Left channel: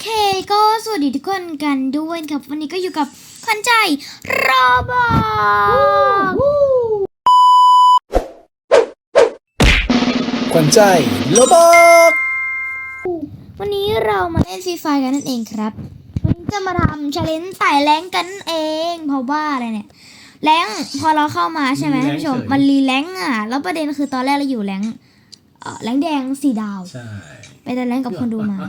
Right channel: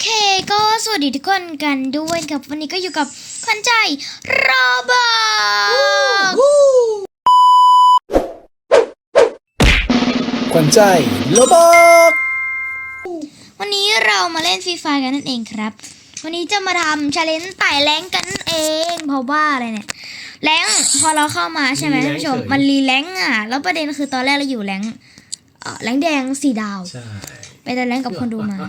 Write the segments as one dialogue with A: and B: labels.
A: เคก็สวัสดีทุกคนกันด้วยครับวันนี้ก็อยู่กับขวัญใจโรเบิร์ต
B: ขวัญใจโรเบิร์ต
A: วันนี้เรามาเล่นฟรีไฟกันนั่นเองครับวันนี้จะมาทำชาเลนจ์ไต่แรงกันนั่นเองเพราะว่าอะไรเนี่ยแรงพอเราเข้ามาใช่ไหมท่านผู้ชมมันรีแรงอ่ะแล้วประเด็นคือตอนแรกเราอยู่แรงแดง4 ดาว
B: ใช่
A: ไปแต่แรงกับคนดูมา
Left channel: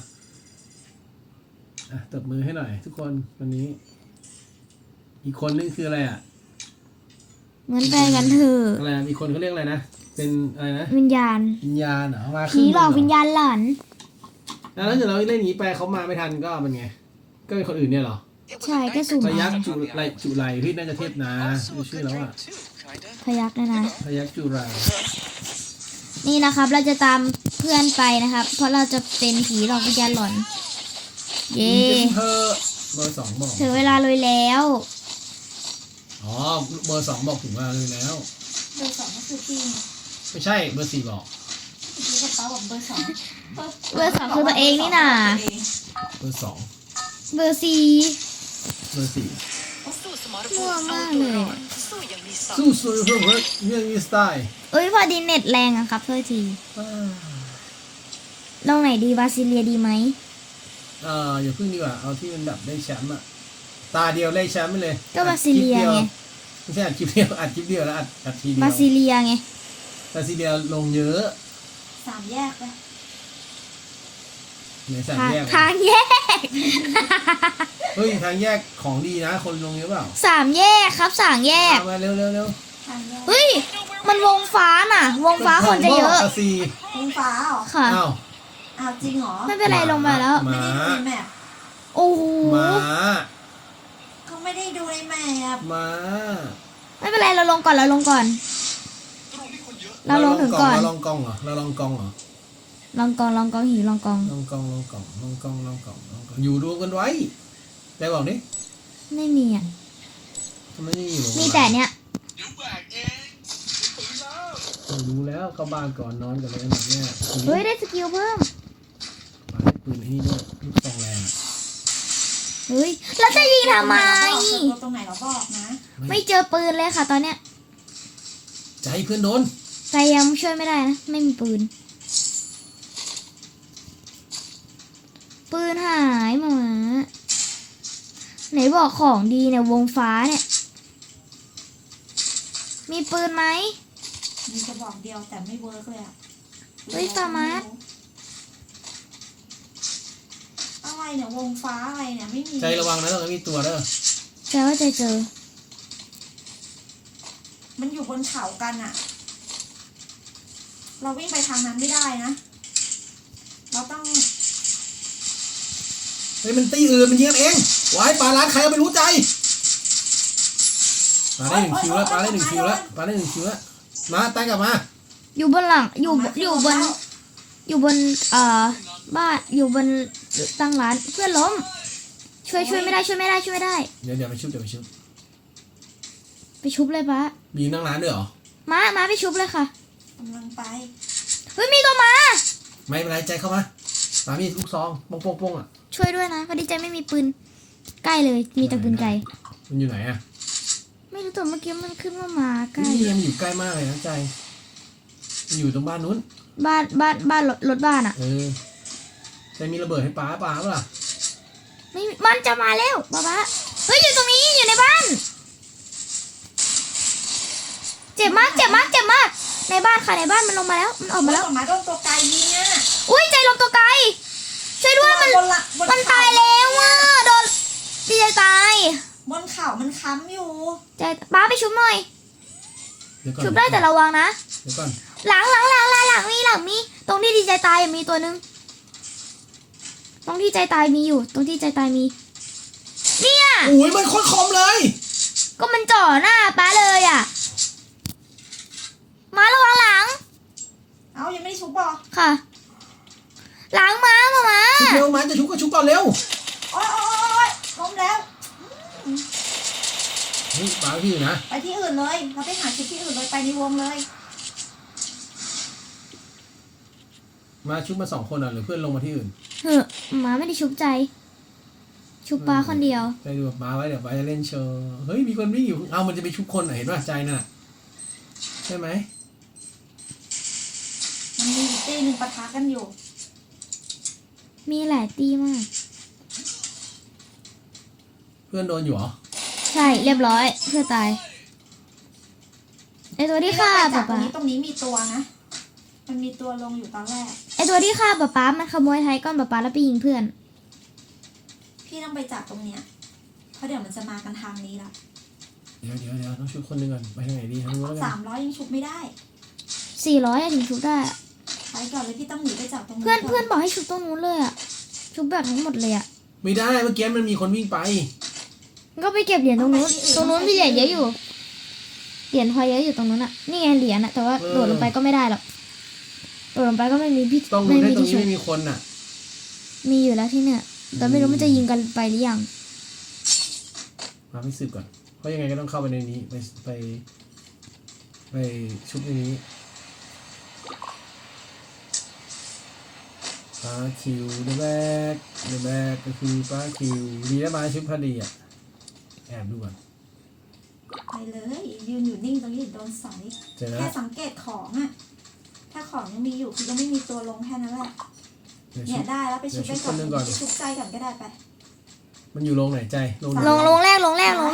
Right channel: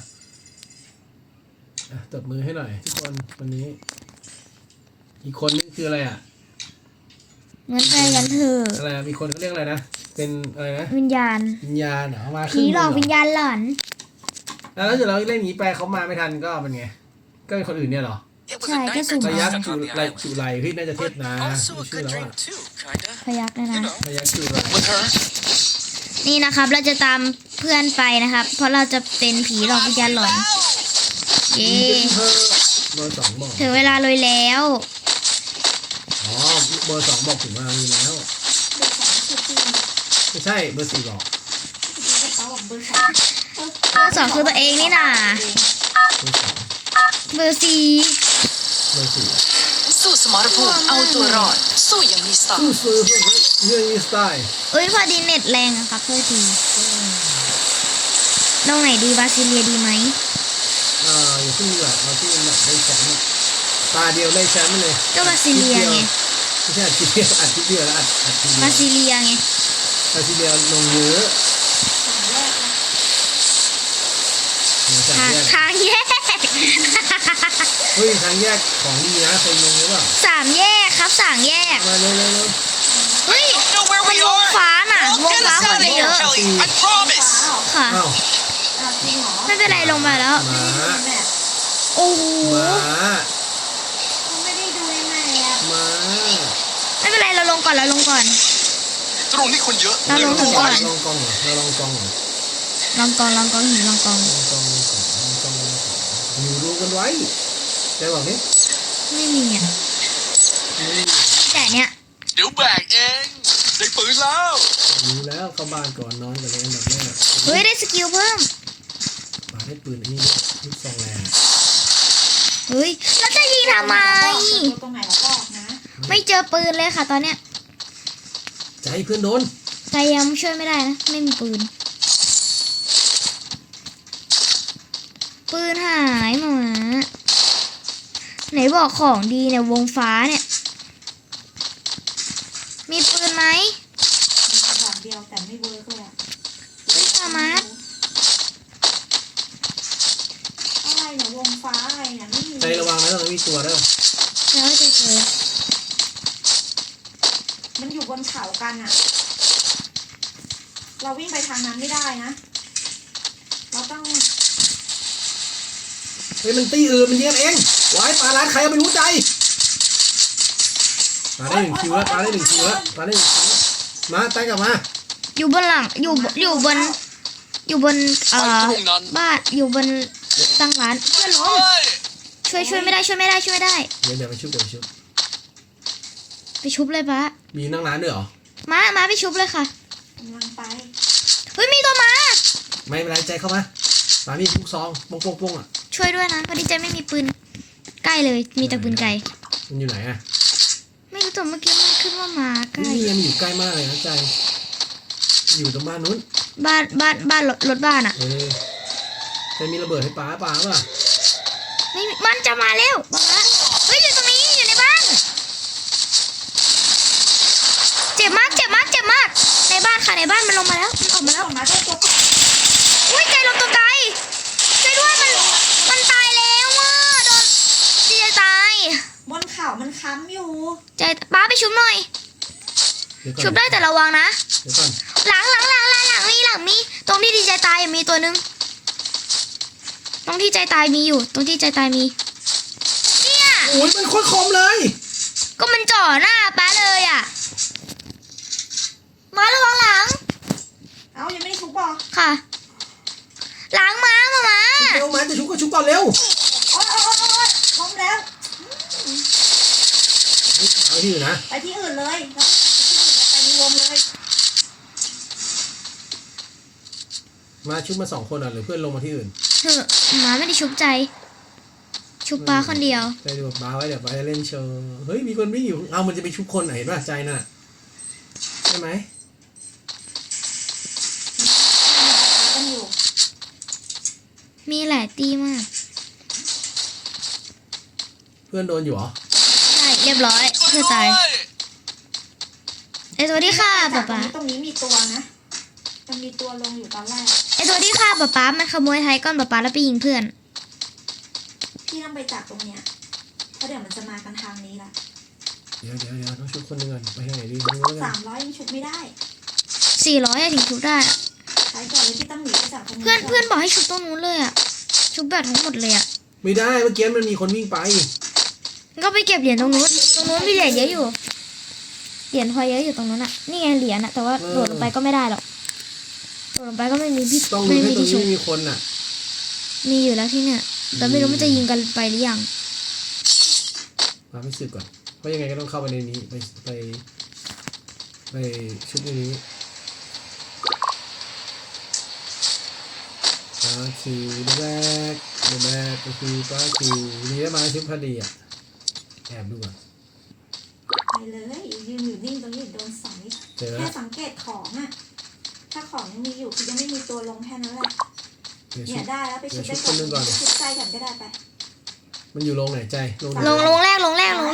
B: ตบมือให้หน่อยทุกคนวันนี้อีกคนนึงคืออะไรอ่ะ
A: เหมือนไปกันเถอะ
B: อะไรมีคนเขาเรียกอะไรนะเป็นอะไรนะ
A: วิญญาณ
B: เหรอมา
A: ผีหลอกวิญญาณหลอน
B: แล้วเดี๋ยวเราเล่นอย่างนี้ไปเขามาไม่ทันก็เป็นไงก็เป็นคนอื่นเนี่ยเหรอ
A: ใช่ก็สุ่ม
B: พยักจุไรพี่น่าจะเทศนะชื่อแล้ว
A: พยักนะ
B: พยักจุไร
A: นี่นะครับเราจะตามเพื่อนไปนะครับเพราะเราจะเป็นผีหลอกวิญญาณหลอนเย้
B: เบอร์ 2บอก
A: ถึงเวลาเลยแล้ว
B: อ๋อเบอร์ 2บอกถึงเวลาเลยแล้ว
C: เบอร์ 2คือจริง
B: ไม่ใช่เบอร์ 4บอก
C: กระเป๋าบอกเบอร์ 2
A: เบอร์ 2คือตัวเองนี่น่ะ
B: เบอร์ 2
A: เบอร์ 4
D: สู้สมรภูมิเอาตัวรอดสู้อย่างมีสไตล์
B: สู้เรื่องมีสไตล์
A: เอ้ยพอดีเน็ตแรงอะครับเพื่อทีตรงไหนดีบาซิเลียดีไหม
B: อย่าเพิ่งเอาที่มันแบบได้แชมป์ตาเดียวได้แชมป์เลย
A: ก็บาซิเลียไง
B: ไม่ใช่อัดทีเดียวแล้วอัดทีเดียว
A: บาซิเลียไง
B: บาซิเลียลงเยอะ
C: 3 แยกนะ
A: ทางแยก
B: เฮ้ยทางแยกของดีนะเคยลงหรือเปล่า
A: 3 แยกครับ3 แยก
B: มาเร็ว
A: เฮ้ยมันวงฟ้าน่ะวงฟ้าคนจะเยอะค่ะ
C: จริงเหรอ
A: ไม่เป็นไรลงมาแล้ว
C: ไม่ได้ดูในแมป
A: โอ้โห
C: ไม่ได้ดูในแมป
A: ไม่เป็นไรเราลงก่อน
D: ตรงนี้คนเยอะ
A: เราลงถึงก่อน
B: ลองกอง
A: ลองกองหิวลองกอง
B: อยู่รวมกันไว้ได้บอกนี้
A: ไม่มีอ่ะมีแต่เนี้ย
D: เดี๋ยวแบกเองได้ปืนแล้ว
B: รู้แล้วเข้าบ้านก่อนนอนกันเลยแบบนี้
A: เฮ้ยได้สกิลเพิ่ม
B: ได้ปืนนี่ลูกซองแรง
A: เฮ้ยแล้วจะยิงทำไม
C: ตรงไหนเราบอกนะ
A: ไม่เจอปืนเลยค่ะตอนเนี้ย
B: จะให้เพื่อนโดน
A: ใจยังช่วยไม่ได้นะไม่มีปืนหายหมาไหนบอกของดีเนี่ยวงฟ้าเนี่ยมีปืนไหม
C: มีกระบอกเดียวแต่ไม่เวิร์กเลยอ่ะ
A: เฮ้ยสมาร์ท
C: อะไรเนี่ยวงฟ้าอะไรเนี่ยไม่มี
B: ใจระวังนะต้องมีตัวด้วย
A: แต่ว่าจะเจอ
C: มันอยู่บนเขากันอ่ะเราวิ่งไปทางนั้นไม่ได้นะเราต้อง
B: เฮ้ยมันตีอื่นมันยิงกันเองไว้ปลาร้านใครไม่รู้ใจมาได้1 คิวแล้วมาไปกลับมา
A: อยู่บนหลังอยู่บนบ้านอยู่บนตั้งร้านเพื่อนล้มช่วยไม่ได้
B: เดี๋ยวไปชุบ
A: ไปชุบเลยปะ
B: มีนั่งร้านด้วยเหรอ
A: มาไปชุบเลยค่ะ
C: กำลังไป
A: เฮ้ยมีตัวมา
B: ไม่เป็นไรใจเข้ามามีลูกซองปงอ่ะ
A: ช่วยด้วยนะพอดีใจไม่มีปืนใกล้เลยมีแต่ปืนไกล
B: มันอยู่ไหนอ่ะ
A: ไม่รู้ตัวเมื่อกี้มันขึ้นว่ามาใกล้
B: มันอยู่ใกล้มากเลยนะใจอยู่ตรงบ้านนู้น
A: บ้านรถบ้านอ่ะ
B: จะมีระเบิดให้ป้าป่ะ
A: ไม่มันจะมาแล้วป๊าเฮ้ยอยู่ตรงนี้อยู่ในบ้านเจ็บมากในบ้านค่ะในบ้านมันลงมาแล้วมันออกมาแล้ว
C: มาโดนตัวไกลนี่
A: อุ้ยใจลมตัวไกลช่วยด้วยมันตายแล้วว่ะโดนดีใจตาย
C: บนเขามันค้ำอยู่
A: ใจป้าไปชุบหน่อยชุบได้แต่ระวังนะหลังมีตรงที่ดีใจตายมีตัวนึงตรงที่ใจตายมีอยู่ตรงที่ใจตายมีเนี่ย
B: โอ้ยมันโคตรคมเลย
A: ก็มันจ่อหน้าป้าเลยอ่ะมาระวังหลัง
C: เอายังไม่ได้ชุบบอก
A: ค่ะหลังมา
B: ชุบจะชุบก็ชุบก่อนเร็ว
C: โอ๊ยล้มแล้ว
B: ไปที่อื่นนะ
C: ไปที่อื่นเลยเราไปหาชุดที่อื่นเลยไปในวงเลย
B: มาชุบมา2 คนหรือเพื่อนลงมาที่อื่น
A: เหอะหมาไม่ได้ชุบใจ ชุบป้าคนเดียว
B: ไปดูบ้าไว้เดี๋ยวบ้าจะเล่นโชว์เฮ้ยมีคนวิ่งอยู่เอามันจะไปชุบคนไหนบ้าใจน่ะใช่ไหม
C: มันปะทะกันอยู่
A: มีหลายตีมาก
B: เพื่อนโดนอยู่เหรอ
A: ใช่เรียบร้อยเพื่อตายไอตัวที่ฆ่าป๊าป๊า
C: ตรงนี้มีตัวนะ มันมีตัวลงอยู่ตอนแรก
A: ไอตัวที่ฆ่าป๊าป๊ามันขโมยไทยก้อนป๊าป๊าแล้วไปยิงเพื่อน
C: พี่ต้องไปจับตรงเนี้ยเพราะเดี๋ยวมันจะมากันทางนี้ละ
B: เดี๋ยวต้องชุบคนหนึงก่อนไปให้ไหนดีไม่รู้แล้วกัน
C: 300ยังชุบไม่ได้
A: 400อะถึงชุบได้อะ
C: ไปก่อนเลยพี่ต้องหนีไปจับตรงนี้
A: เพื่อนบอกให้ชุบตรงนู้นเลยอะชุบแบบทั้งหมดเลยอะ
B: ไม่ได้เมื่อกี้มันมีคนวิ่งไป
A: ก็ไปเก็บเหรียญตรงนู้นมีเหรียญเยอะอยู่เหรียญพอเยอะอยู่ตรงนู้นอะนี่ไงเหรียญอะแต่ว่าโดดลงไปก็ไม่ได้หรอกโดดลงไปก็ไม่มีที่
B: ต้อง
A: ไม่
B: รู้ให้
A: มี
B: ตรง
A: ที่ชุ
B: นี้
A: บ
B: มีคนน่ะ
A: มีอยู่แล้วที่เนี่ยแต่ไม่รู้มันจะยิงกันไปหรือยัง
B: เราไม่สืบก่อนเพราะยังไงก็ต้องเข้าไปในนี้ไปชุดในนี้ป้าคิวเดอะแบกก็คือป้าคิวดีได้มาชุดพอดีอ่ะแอบดูก่อน
C: ไปเลยยืนอยู่นิ่งตรงนี้โดนสอย
B: เจอ
C: แค่
B: แล้ว
C: สังเกตของอะถ้าของยังมีอยู่คือยังไม่มีตัวลงแค่นั้นแหละ
B: เดี๋ยว
C: เนี่
B: ชุ
C: ย
B: ด
C: ได้แล้วไปชุบได้ก่อน
B: เดี๋ยวชุบคนหนึ่งก่อน
C: ชุบใจก่อนก็ได้ไป
B: มันอยู่โรงไหนใจโรงไหน
A: ลงแรกลงแรก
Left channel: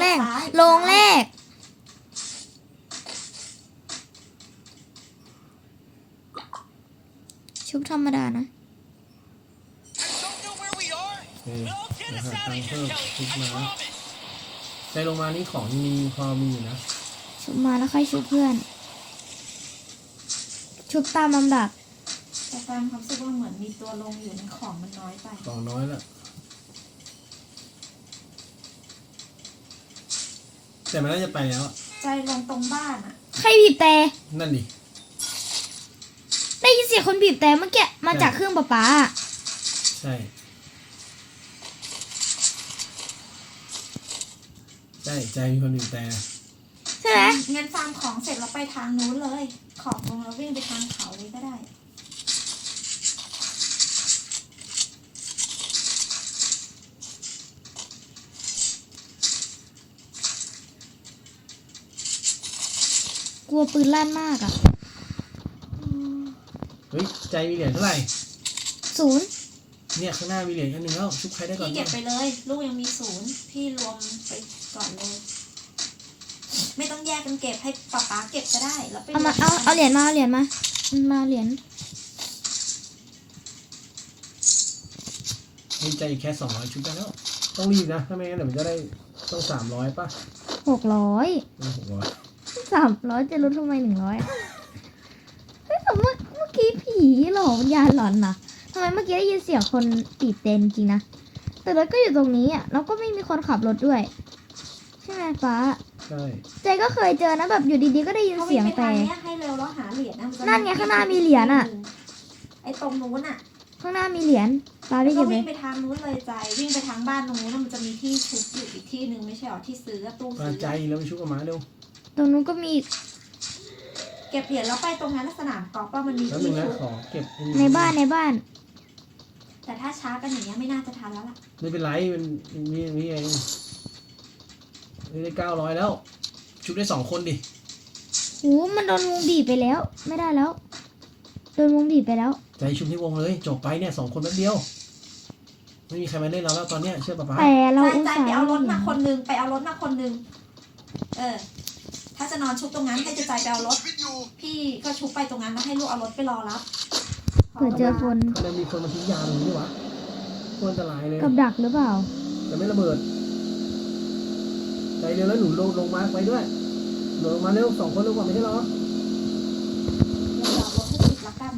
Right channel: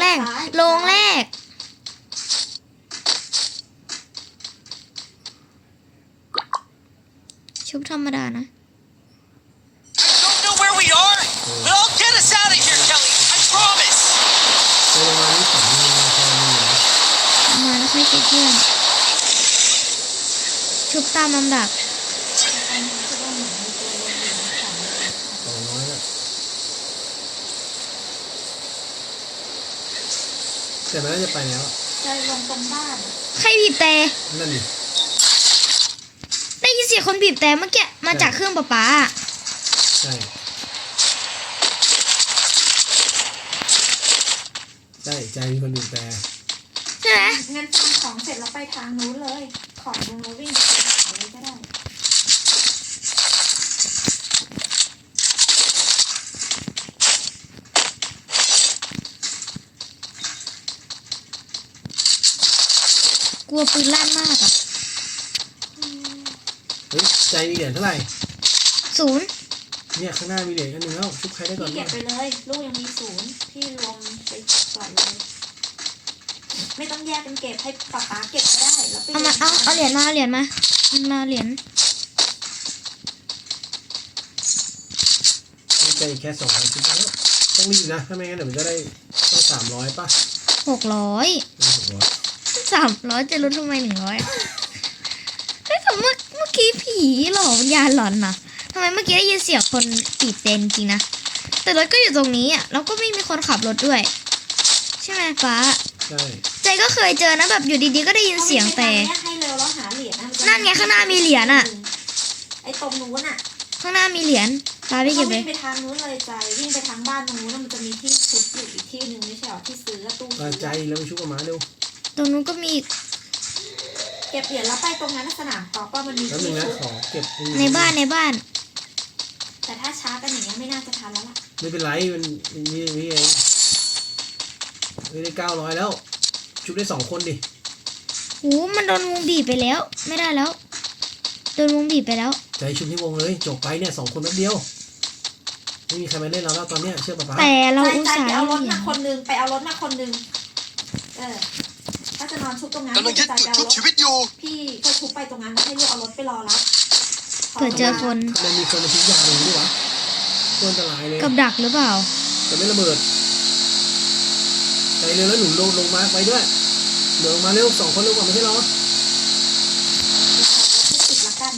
A: ชุบธรรมดานะ
D: I don't know where we are but I'll get us out of here Kelly I promise
B: ในโรงงานนี้ของมีพอมีนะ
A: มาแล้วค่อยคิดเพื่อนชุบตามลำดับ
C: แต่ตอนนี้คือว่าเหมือนมีตัวลงอยู่ในของในนั้นไป
B: ต่อน้อยน่ะแต่มันน่าจะไปแล้ว
C: ใจลงตรงบ้านอะ
A: ใครบีบแต่
B: นั่นดิ
A: ได้ยินเสียงคนบีบแต่เมื่อกี้มาจากเครื่องป๊าป๊าอะ
B: ใช่ใจมีคนดูแต่
A: ใช่ไหม
C: งั้นฟาร์มของเสร็จแล้วไปทางนู้นเลย ของลงแล้ววิ่งไปทางเขาเลยก็ได้
A: กลัวปืนลั่นมากอะ
B: เฮ้ยใจมีเหรียญเท่าไหร่
A: 0
B: เนี่ยข้างหน้ามีเหรียญอันหนึงแล้วชุบใครได้ก่อน
C: พี่เก็บไปเลย ลูกยังมี0พี่รวมไปก่อนเลย ไม่ต้องแยกกันเก็บให้ป๊าป๊าเก็บก็ได้แล้วไป
A: เอาเหรียญมาเหรียญเหรียญ
B: มีใจอีกแค่200ชุบแล้วต้องรีบนะถ้าไม่งั้นเดี๋ยวมันจะได้ต้อง300ป่ะ
A: 600
B: ไม่600
A: 300จะลดทำไม100เฮ้ยแต่เมื่อกี้ผีหลอกวิญญาณหลอนนะทำไมเมื่อกี้ได้ยินเสียงคนปีบเต็นจริงนะแต่รถก็อยู่ตรงนี้อ่ะแล้วก็ไม่มีคนขับรถด้วย ใช่ไหมฟ้า
B: ใช่
A: ใจก็เคยเจอนะแบบอยู่ดีๆก็ได้ยินเสียงแต่
C: ให้เร็วแล้วหาเหรียญนะ
A: นั่นไงข้างหน้ามีเหรียญอะ
C: ไอ้ตรงนู้นอะ
A: ข้างหน้ามีเหรียญฟ้าไปเก็บเล
C: วิ่
A: ย
C: งไปทางนู้นเลยใจวิ่งไปทางบ้านตรงนู้นนะมันจะมีที่ชุบอยู่อีกที่หนึ่งไม่ใช่หรอที่ซื้อตู้
B: มา
C: ซื้อ
B: ใจแล้วไปชุบกับหมาเร็ว
A: ตรงนู้นก็มี
C: เก็บเหรียญแล้วไปตรงนั้นสนามกอล์ฟว่ามันมี
B: แล้วหนึ
C: ที่
B: งนะ
C: ชุบ
B: ขอเก็บ
A: ในบ้าน
C: แต่ถ้าช้ากันอย่างเงี้ยไม่น่าจะทันแล้วล่ะ
B: ไม่เป็นไรมันนี่เองไม่ได้900แล้วชุบได้2คนดิ
A: หูมันโดนวงบีบไปแล้ว ไม่ได้แล้วโดนวงบีบไปแล้ว
B: ใจชุบที่วงเลยจบไปเนี่ย2คนแป๊บเดียวไม่มีใครมาเล่นเราแล้วตอนเนี้ยเชื่อป่ะป๊า
A: แต่เรา
C: ใจ
A: อุต
C: ใจ
A: ส่าห์
C: ไปเอารถ
A: เหรี
C: มาย
A: ญ
C: คนนึงไปเอารถมาคนนึงถ้าจะนอนชุบตรงนั้น
D: กำลัง
C: ก็
D: ยึด
C: ใจไปเอา
D: ชุบ
C: รถ
D: ชีวิตอยู่
C: พี่ก็ชุบไปตรงนั้นแล้วให้ลูกเอารถไปรอรับ
A: เผื่อเจอคน
B: ทำไมมีคนมาทิ้งยาตรงนี้วะโคตรอันตรายเลย
A: กับดักหรือเปล่า
B: แต่ไม่ระเบิดใจเร็วแล้วหนุนลงมาไปด้วยเดี๋ยวมาเร็ว2คนเร็วกว่าไม่ใช่หรอ
C: รถที่ติดละกัน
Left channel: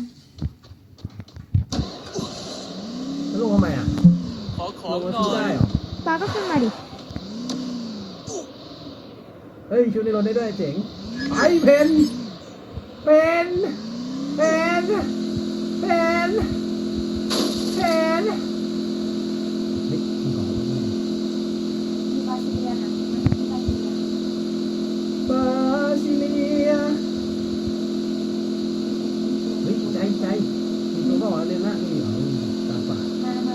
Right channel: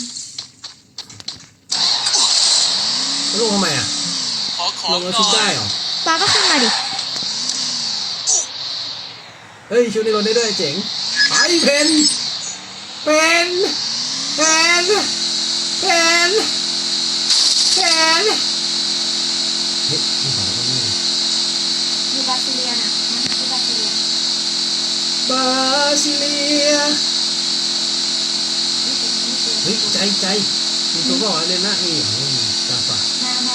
B: แล้วลงทำไมอ่ะ
D: ขอข
B: ล
D: อง
B: งแล้ว
D: ห
B: ชุบ
D: น่อ
B: ได้
D: ย
B: เหรอ
A: ปลาก็ขึ้นมาดิ
B: เฮ้ยชุดในรถได้ด้วยเจ๋งไอ้เพนเฮ้ยพี่บอกว่าไม่
C: มีบาซิเลียนอะมีบาซิเลียน
B: บาซิเลียเฮ้ยใจมีตัวบอกว่าเล่นหน้านี่ตาฝาด
C: มา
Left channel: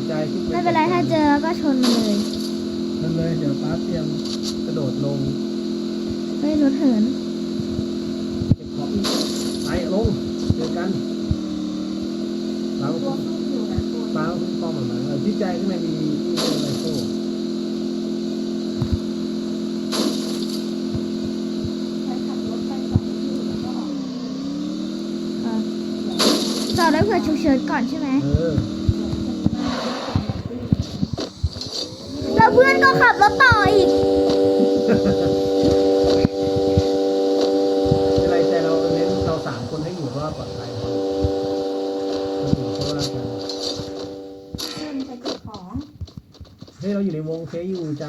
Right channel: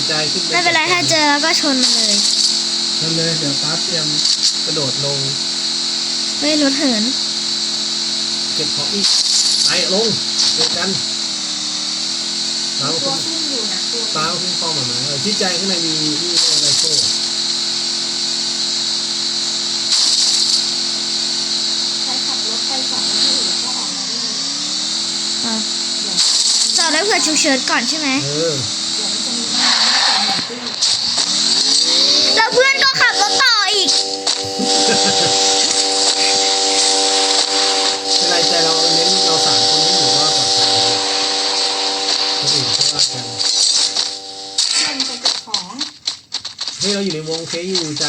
B: ใจขึ้น
A: ไม่เป็นไรถ้าเจอแล้วก็ชนมันเลย
B: นั่นเลยเดี๋ยวป้าเตรียมกระโดดลง
A: เฮ้ยรถเหิน
B: เก็บของอีกไปลงเจอกันป้า
C: ตัวขึ้นอยู่นะตัว
B: ป้าขึ้นคลองหมาที่ใจข้างในมีอะไรโซ่
C: ใช้ขับรถไปสองที่อยู่ก็ออกมาไม่มี
A: อ่ะจอดไว้เผื่อฉุกเฉินก่อนใช่ไหม
B: เออ
A: แล้วเพื่อนก็ขับรถต่ออีก
B: ในใจเราเน้นเราสามคนให้อยู่รอดคนอื่นเขาว่ากัน
C: เพื่อนไปเก็บของ
B: เฮ้ยเราอยู่ในวงเคอยู่ใจ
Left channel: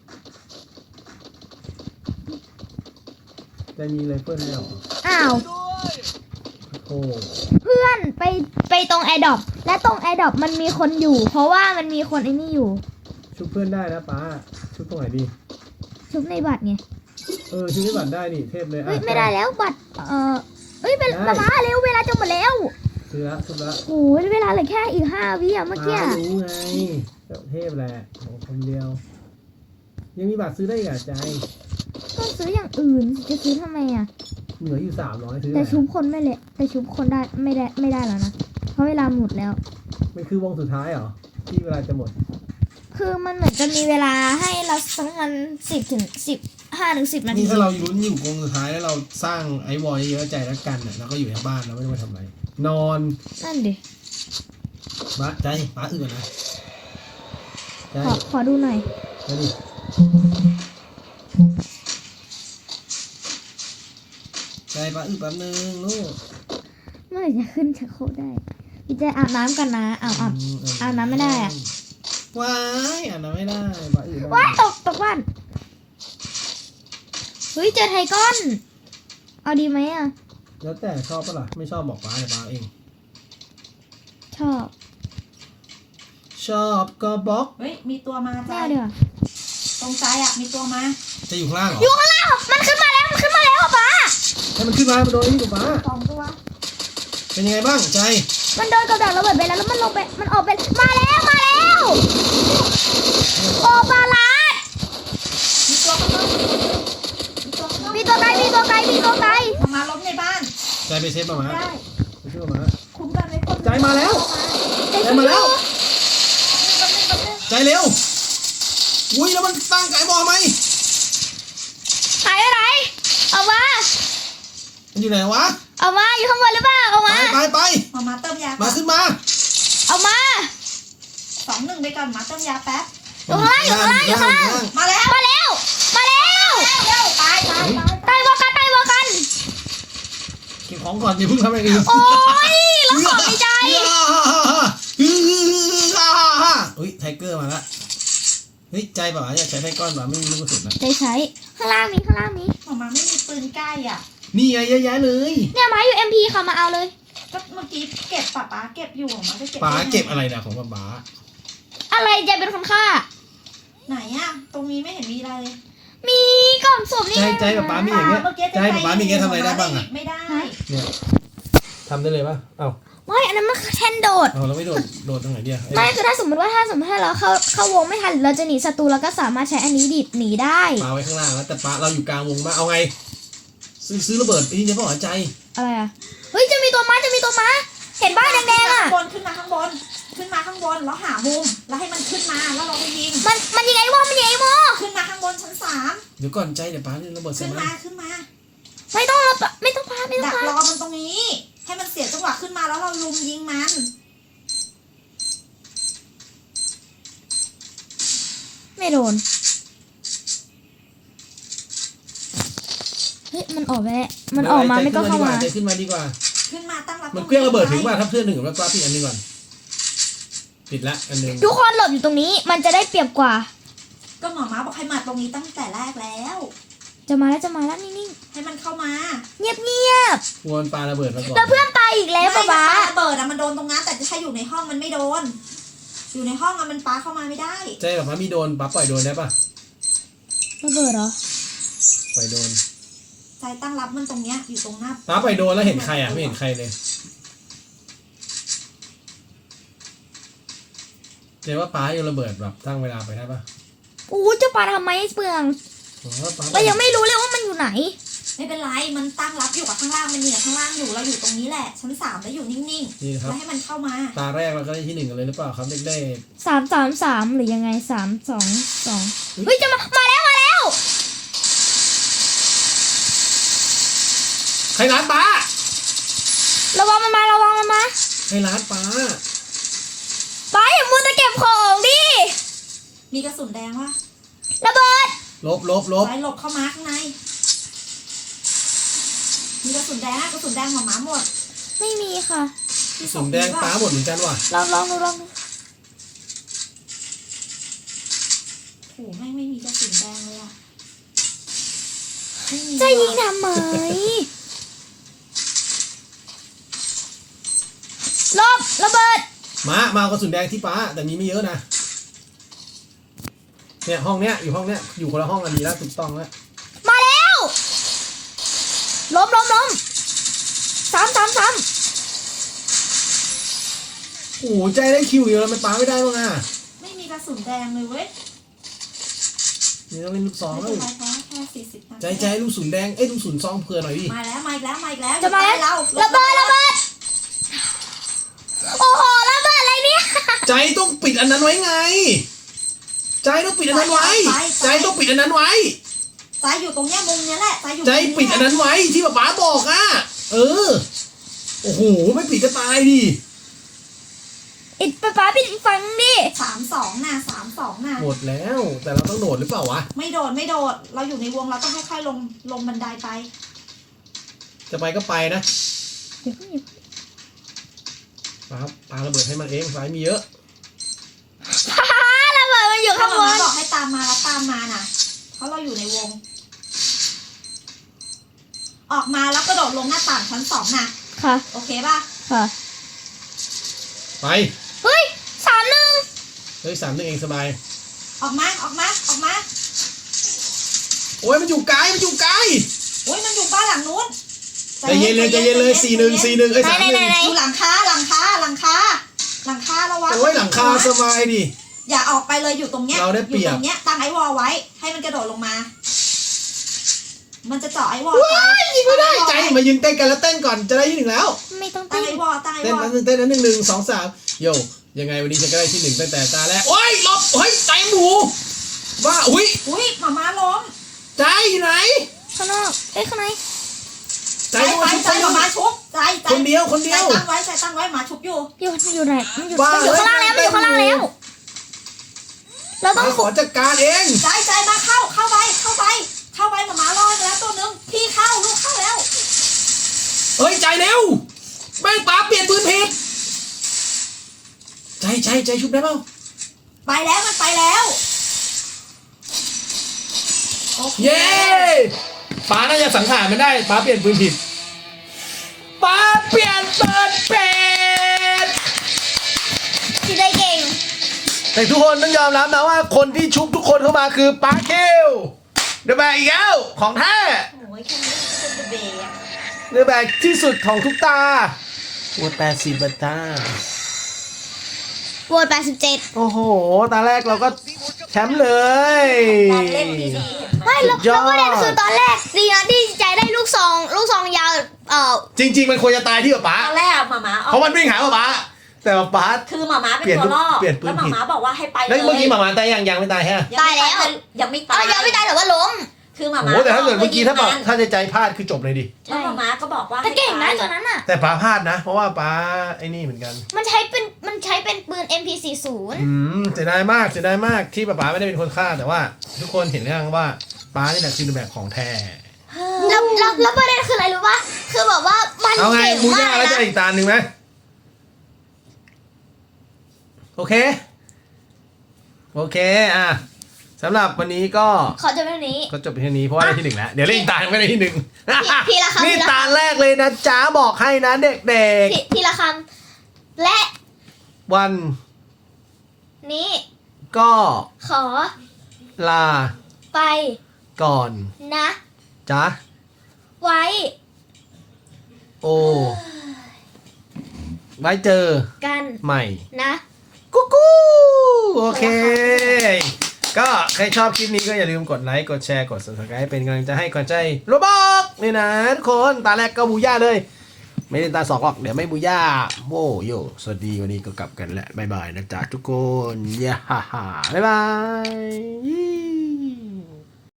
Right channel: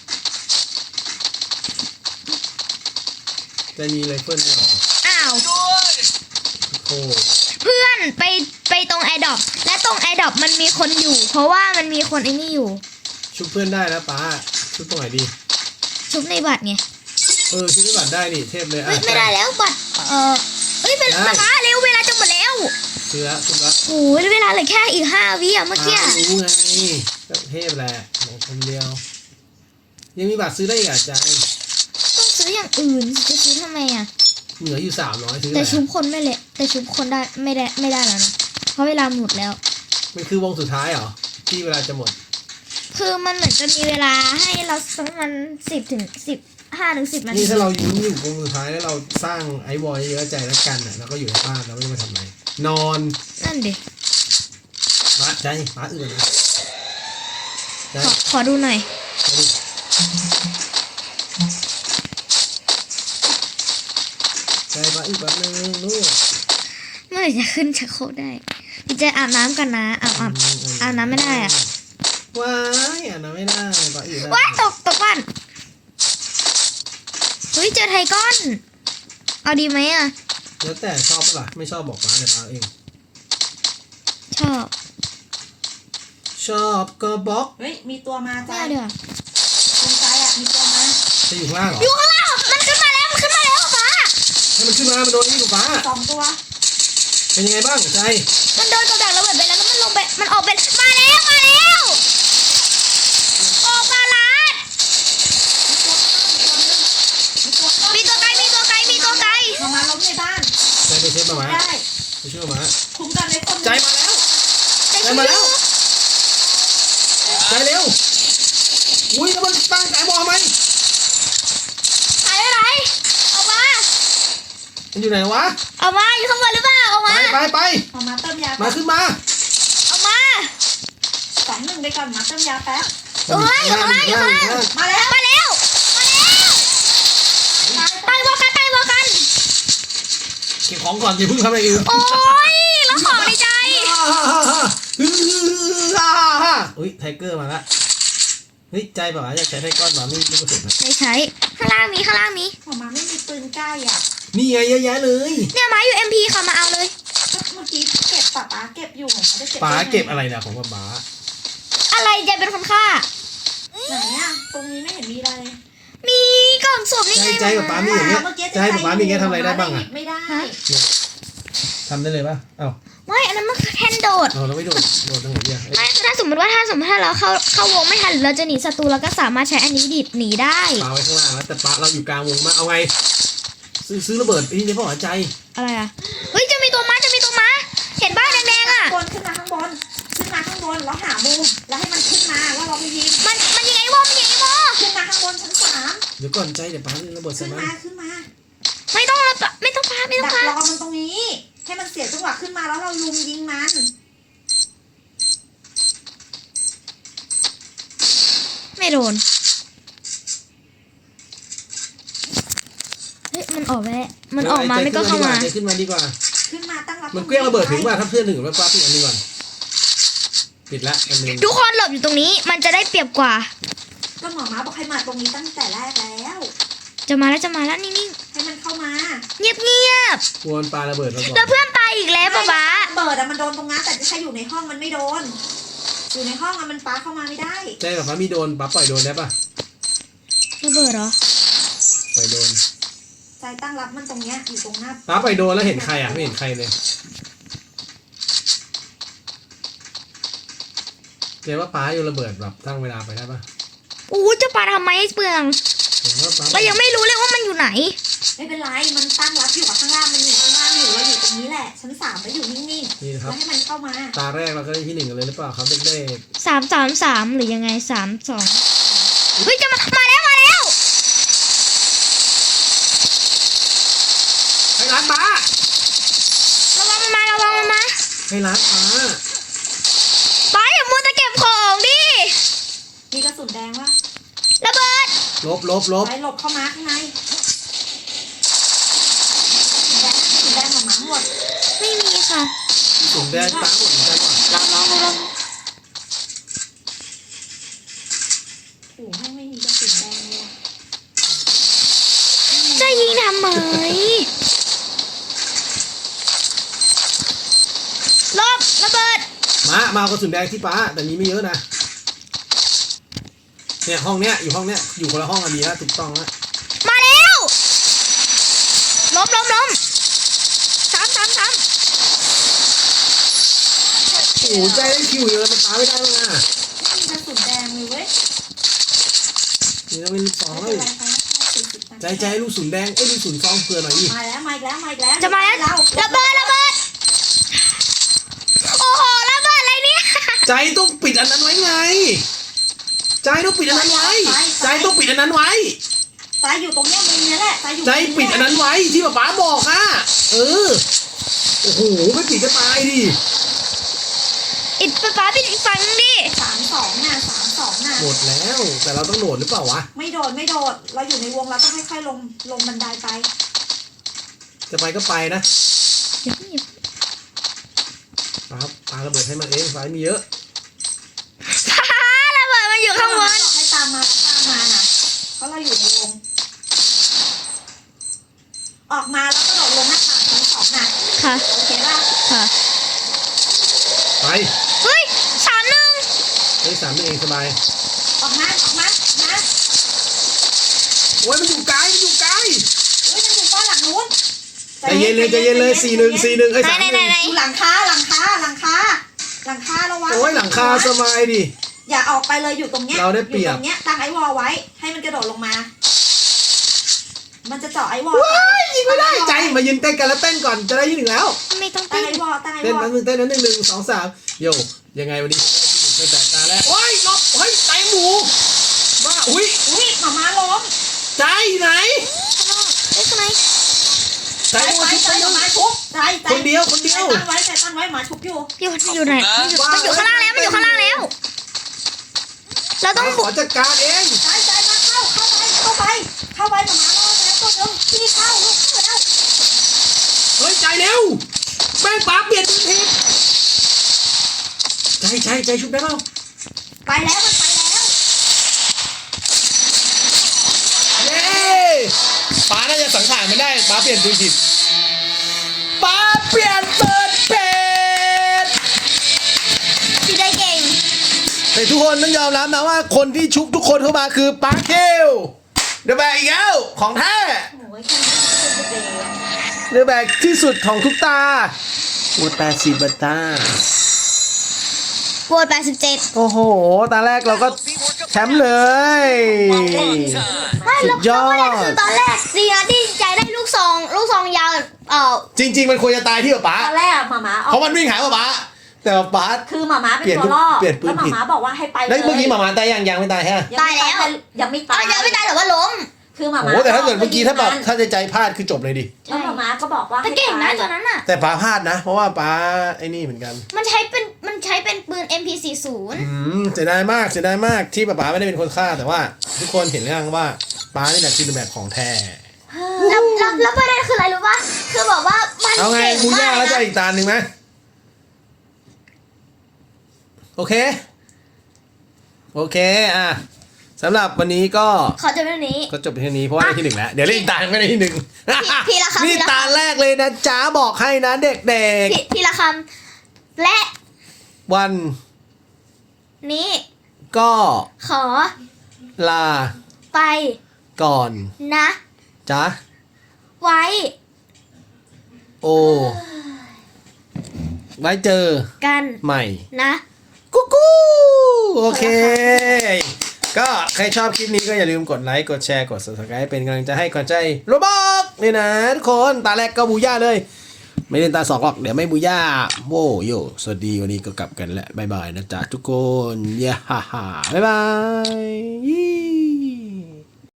B: มีไรเฟิลด้วยเหรอ
A: อ้าว
D: Good.
B: โอ้
A: เพื่อนไปตรงแอร์ดรอปและตรงแอร์ดรอปมันมีคนอยู่ เพราะว่ามันมีคนไอ้นี่อยู่
B: ชุบเพื่อนได้นะป้าชุบตรงไหนดี
A: ชุบในบัตรไง
B: ชุบที่บัตรได้นี่เทพเลย
A: เฮ้ยไม่ได้แล้วบัตรเอ้ยเป็นมาเร็วเวลาจะหมดแล้ว
B: คือละชุบละ
A: โอ้ยเวลาเหลือแค่อีก5 วิอ่ะเมื่อกี้
B: รู้ไงก็เทพแหละของคนเดียว ยังมีบัตรซื้อได้อีกอ่ะใจ
A: ต้องซื้ออย่างอื่นจะซื้อทำไมอ่ะ
B: เหลืออยู่300ซื้อ
A: แต่
B: แหละ
A: ชุบคนไม่เละแต่ชุบคนได้ไม่ได้แล้วนะเพราะเวลาหมดแล้ว
B: มันคือวงสุดท้ายเหรอที่เวลาจะหมด
A: คือมันเหมือนจะมีเวลาให้เราสักประมาณ5 ถึง 10 นาที
B: นี่ถ้าเราอยู่วงสุดท้ายแล้วเราสร้างไอวอลเยอะใจแล้วกันอ่ะแล้วก็อยู่ในบ้านแล้วไม่ต้องไปทำอะไรนอน
A: นั่นดิ
B: มาใจป้าอื่นนะใจ
A: ขอดูหน่อย
B: มาดิใจป้าอีกวันหนึงลูก
A: เมื่อไหร่จะขึ้นชักโครกได้พี่เจอาบน้ำกันนะอาบน้ำไม่ได้อ่ะ
B: ว้ายอ่านไม่ได้ป้าอีก
A: ว้ายตกบ้านเฮ้ยเจอไทก้อน เอาดีไหมอ่ะ
B: แล้วแต่ชอบปะล่ะไม่ชอบบอกป้าเลยป้าเอง
A: ชอบ
B: ชอบก็บล็อก
C: เฮ้ยมีตัวมา
A: ไม่
C: จ้า
A: เอาดีกว่า
C: ตรงใจอ่ะมีตัวมา
B: จะอยู่ข้างล่างเหร
A: อยู่
B: อ
A: ข้างล่างมันขึ้นมาแล้วอ่ะป้า
B: ให้มันขึ้นมามันโดนนี่ถูกป้า
C: 2 ตัว
B: เป็นยังไงบ้างใจ
A: มันโดนกระดักระเบิดไปแล้วมันลงไปมันออกไปมาแล้วโอ้ปลาลาด
C: มีตัวข้างนอกมีตัวข้างนอก
A: มีตัวไกล
C: มาล้มในบ้าน
B: ใจไปเซฟมาไหม
C: ได้
B: ไปช่วยมา
C: คุ้มกันเลยคน
B: ใจมาแล้ว
A: ใจช่วย
B: มาแล้ว ใจเร็วอุ้ยแล้วมันตั้งใจบอกไหม
A: หายไปไหนเอามา
B: มันอยู่ไหนวะ
A: เอามาอยู่ข้างบนหรือเปล่าเอา
B: ไป
A: มา
B: ไปไป
C: มาเติมยา
B: มาขึ้นมา
A: เอามา
C: 2-1ไปก่อนมาเติมยาแป๊บ
A: อยู่ข้างล่าง
C: มาแล้ว
A: มาแล้ว
C: ตาย
A: ตายวอกัน
B: เก็บของก่อนอย่าเพิ่งทำอะไรอื่น
A: โอ้ยแล้วขอในใจ
B: อุ้ยไทเกอร์มาแล้วเฮ้ยใจป่ะอยากใช้ไทก้อนมาไม่รู้สึกนะ
A: ไม่ใช้ข้างล่างมี
C: มาไม่มีปืนใกล้อ่ะ
B: นี่ไงเยอะแยะเลย
A: เนี่ยมาอยู่ MP ค่ะมาเอาเลย
C: ก็เมื่อกี้เก็บป๊าเก็บอยู่มาได้เก็บ
B: ป๋าเก็บอะไรเนี่ยของป๋า
A: อะไรใจเป็นคนฆ่า
C: ไหนอ่ะตรงนี้ไม่เห็นมีอะไรเลย
A: มีกล่องศพนี่
B: ใจ
A: ไง
B: ใจกับป๋ามีอย่างเงี้ย
C: เมื่อกี้
B: ใจกับป๋ามีอย่างเงี้ยทำอะไรได้บ้างอ่ะ
C: ไม่ได้
B: เนี่ยทำได้เลยป่ะเอ้า
A: ไม่อันนั้นมันคือแทนโดด
B: เอาเราไม่โดดตรงไหนเนี่ย
A: ไม่คือถ้าสมมติว่าถ้าเราเข้าวงไม่ทันหรือเราจะหนีศัตรูเราก็สามารถใช้อันนี้ดิดหนีได้
B: ป๋าไว้ข้างล่างแล้วแต่ป๋าเราอยู่กลางวงมาเอาไงซื้อระเบิดไปที่ในพ่อหัวใจ
A: อะไรอ่ะเฮ้ยจะมีตัวม้าเห็นบ้านแดงๆอ่ะ
C: ขึ้นมาข้างบนแล้วหามุมแล้วให้มันขึ้นมาแล้วเราไปยิง
A: มันยิงไอ้วอมันยิงไอ้วอ
C: ขึ้นมาข้างบนชั้น
B: เดี๋ยวก่อนใจเดี๋ยวป๋าระเบิด
C: 3
B: ใส่
C: ขึ้น
B: มั
C: มาน ขึ้นมา
A: ไม่ต้องแล้วไม่ต้องพา
C: ดักรอมันตรงนี้ ให้มันเสียจังหวะขึ้นมาแล้วเราลุมยิงมัน
A: ไม่โดนเฮ้ยมันออกไปแล้วมันออกมาไม่ก็เข้ามา
B: ขึ้นมาดีกว่า
C: ขึ้นมาตั้งรับ
B: มันเกลี้ยงระเบิดถึงว่าถ้าเพื่อนถึงแล้วป้าปิดอันนี้ก่อนปิดละอันนึง
A: ทุกคนหลบอยู่ตรงนี้มันจะได้เปรียบกว่า
C: ก็หมอม้าบอกให้มาตรงนี้ตั้งแต่แรกแล้ว
A: จะมาแล้วนิ่ง
C: ให้มันเข้ามา
A: ๆเงียบ
B: กวนปลาระเบิดระ
A: ๆ
B: เบิด
A: แล้วเพื่อนตายอีกแล้วป๊าป๊า
C: ระเบิดอะมันโดนตรงนั้นแต่ถ้าอยู่ในห้องมันไม่โดน อยู่ในห้องอะมันปาเข้ามาไม่ได้
B: ใจแบบว่ามีโดนป้าปล่อยโดนได้ป่ะ
A: ระเบิดเหรอ
B: ปล่อยโดน
C: ใจตั้งรับมันตรงเนี้ยอยู่ตรงหน้า
B: ป้าปล่อยโดนแล้วเห็นใครอ่ะไม่เห็นใครเลยเดี๋ยวว่าป้าโยนระเบิดแบบตั้งเวลาไปได้ปะ
A: อู้จะปาทำไมให้เปลือง
B: เดี๋ยวว่าป้า
A: เรายังไม่รู้เลยว่ามันอยู่ไหน
C: ไม่เป็นไร มันตั้งรับอยู่กับข้างล่างมันเหนียวข้างล่างอยู่เราอยู่ตรงนี้แหละ ชั้น 3แล้วอยู่นิ่ง
B: นี่
C: ๆ
B: นะครับ
C: แล้วให้มันเข้ามา
B: ตาแรกเราก็ได้ที่ 1กันเลยหรือเปล่าครับเด็ก
A: 333หรือยังไง322เฮ้ยจะมาแล้ว
B: ๆให้ร้านป้า
A: ระวังมันมา
B: ให้ร้านป้า
A: ป้าอย่ามัวแต่เก็บของดิ
C: มีกระสุนแดงวะ
A: ระเบิด
B: ลบ
C: ไปหลบเข้ามาข้างใน มีกระสุนแดงหมาหมด
A: ไม่มีค่ะ
B: สูงแดงป้าหมดเหมือนกันว่ะ
A: ลอง
C: โอ้โหไม่มีกระสุนแดงเลยอะ
A: จะยิงทำไมลบระเบิด
B: มากระสุนแดงที่ป้าแต่นี้ไม่เยอะนะเนี่ยห้องเนี้ยอยู่ห้องเนี้ยอยู่คนละห้องกันดีนะถูกต้องนะ
A: มาแล้วล้ม3
B: โอ้โหใจได้คิวอยู่เลยมันป้าไม่ได้บ้างอ่ะ
C: ไม่มีกระสุนแดงเลยเว้ย
B: นี่ต้องเป็นลูกซอง
C: ไม่
B: เล
C: เป็น
B: ย
C: ไรคะแค่40 นาที
B: ใจลูกศูนย์แดงลูกศูนย์ซองเผื่อหน่อยดิ
C: มาแล้วมาอีกแล้ว
A: จะมาแล้ว
C: เรา
A: ระเบิดโอ้โหระเบิดอะไรเนี่ย
B: ใจต้องปิดอันนั้นไว้ไง ใจต้องปิดอันนั้นไว้ใจต้องปิดอันนั้นไว้
C: ใจอยู่ตรงเนี้ยมุมเนี้ยแหละใจอยู่
B: ใจปิดอันนั้นไว้ที่ป๊าบอกอ่ะโอ้โหไม่ปิดก็ตายดิ
A: อิดป้าปิดอีกฝั่งนึงดิ
C: 32 น่ะ
B: หมดแล้วแต่เราต้องโดดหรือเปล่าวะ
C: ไม่โดด เราอยู่ในวงเราต้องค่อยๆลงบันไดไป
B: จะไปก็ไปนะ
A: อย่าเพิ่ง
B: ครับตาระเบิดให้มันเองสายมีเยอะ
A: ป้าระเบิดมันอยู่
C: ถ้า
A: ข้างบ
C: มาน บอกให้ตามมาแล้วตามมาน่ะ เพราะเราอยู่ในวง ออกมาแล้วกระโดดลงหน้าต่างชั้น 2น่ะ
A: ค่ะ
C: โอเคป่ะ
A: ค่ะ
B: ไป
A: เฮ้ย31
B: เฮ้ยสามนี่เองสบาย
C: ออกมา
B: โอ้ยมันอยู่ไกล
C: โอ้ยมันอยู่บ้านหลังนู้น
B: ใจเย็นเลย41ไอ้31
A: ไหน
C: อยู่หลังคาระวัง
B: โอ้ยหลังคาสบายดิ
C: อย่าออกไปเลยอยู่ตรงเนี้ย
B: เราได้เปรียบ
C: อยู่ตรงเนี้ยตั้งไอวอลไว้ ให้มันกระโดดลงมา มันจะเจาะไอวอลไป
B: ยิงไม่ได้ใจมายืนเต้นกันแล้วเต้นก่อนจะได้ที่ 1แล้ว
A: ไม่ต้อง
C: ตั้
A: เต้
C: ง
A: น
C: ไอวอลตั้งไอ
B: เต้น
C: วอล
B: นั้น1 2 3โยยังไงวันนี้ฉันก็ได้ที่ 1ตั้งแต่ตาแรกโอ้ยหลบโอ้ยใจหมูว่าอุ้ย
C: อุ้ยหมาล้ม
B: ใจไหน
A: ข้างนอกข้างใน
B: ใจ
C: ใจหมามาชุบใจ
B: คนเดียว
C: ใจตั้งไว้หมาชุบอยู่
A: อยู่ไหนมันอยู่ข้างล่างแล้วเราต้อง
B: ขอจัดการเอง
C: ใจมาเข้าไปหมารอดแล้วตัวนึงพี่เข้าลูกเข้าแล้ว
B: เฮ้ยใจเร็วแม่งป๋าเปลี่ยนปืนผิดใจชุบได้เปล่า
C: ไปแล้วมันไปแล้ว
B: เย้ป๋าน่าจะสังหารไม่ได้ป๋าเปลี่ยนปืนผิดป๋าเปลี่ยนปืนผิด
A: สีได้เก่ง
B: แต่ทุกคนต้องยอมรับนะว่าคนที่ชุบทุกคนเข้ามาคือป๋าเคิวเดอะแบกอีกแล้วของแท้
C: โอ้ยแค่นี้ก็เป็นเดย์อะ
B: เดอะแบกที่สุดของทุกตาวัว80 บาทา
A: โหวต87
B: โอ้โหตาแรกเราก็แชมป์เลย
A: ไม่แล้ว
B: สุดยอด
A: ประเด็นคือตอนแรกดีนะที่ใจได้ลูกซองยาว
B: จริงๆมันควรจะตายที่ป๋า
C: ตอนแรกหมา
B: เพราะมันวิ่งหาป๋าแต่ป๋า
C: คือหมาเป็นตัวล่อ
B: เปลี่ยนปืน
C: แล้ว
B: ผิด
C: หมาบอกว่าให้ไปเลย
B: แล้วเมื่อกี้หมาตายยังไม่ตายฮะ
A: ตายแล้ว
C: ยังไม่ตาย
A: ยังไม่ตายแต่ว่าล้ม
C: คือหมา
B: โอ้แต่ถ้าเกิดเมื่อกี้ถ้าแบบถ้าใจพลาดคือจบเลยดิ
C: แล้วหมาก็บอกว่า
A: แต่เก่งนะตัวนั้นอ่ะ
B: แต่ป๋าพลาดนะ เพราะว่าป๋าไอ้นี่เหมือนกัน
A: มันใช้เป็นปืน MP40
B: เสียดายมากที่ป๋าไม่ได้เป็นคนฆ่าแต่ว่า ทุกคนเห็นหรือยังว่าป๋านี่แหละคือแบบของแท้
A: แล้วประเด็นคืออะไรรู้ป่ะคือแบบว่ามัน
B: เอาไง
A: เก่ง
B: มู
A: มา
B: ย่ากแล้วจะ
A: นะ
B: อีกตาหนึ่งไหมโอเคอ่ะสำหรับวันนี้ก็
A: ขอจบเรื่องนี้
B: จบเพียงเท่านี้เพราะว่าได้ที่ 1แล้วเดี๋ยวเล่นอีกตาไม่ได้ที่ 1
A: ทีละคำ
B: นี่ตาแรกเลยนะจ้าบอกให้นะเด็ก
A: ทีละคำและ
B: ๆวัน
A: นี้
B: ก็
A: ขอ
B: ลา
A: ไป
B: ก่อน
A: นะ
B: จ้า
A: ไว้
B: โอไว้เจอ
A: กัน
B: ใหม่
A: นะ
B: กุ๊กโอเค ก็ใครชอบคลิปนี้ก็อย่าลืมกดไลค์กดแชร์กด subscribe เป็นกำลังใจให้ก่อนใจโรบอกนี่นะทุกคนตาแรกก็บูย่าเลย ไม่เล่นตาสองหรอกเดี๋ยวไม่บูย่าโว้โยสวัสดีวันนี้ก็กลับกันแล้วบ๊ายบายนะจ๊ะทุกคนย่าฮ่าฮ่าบ๊ายบาย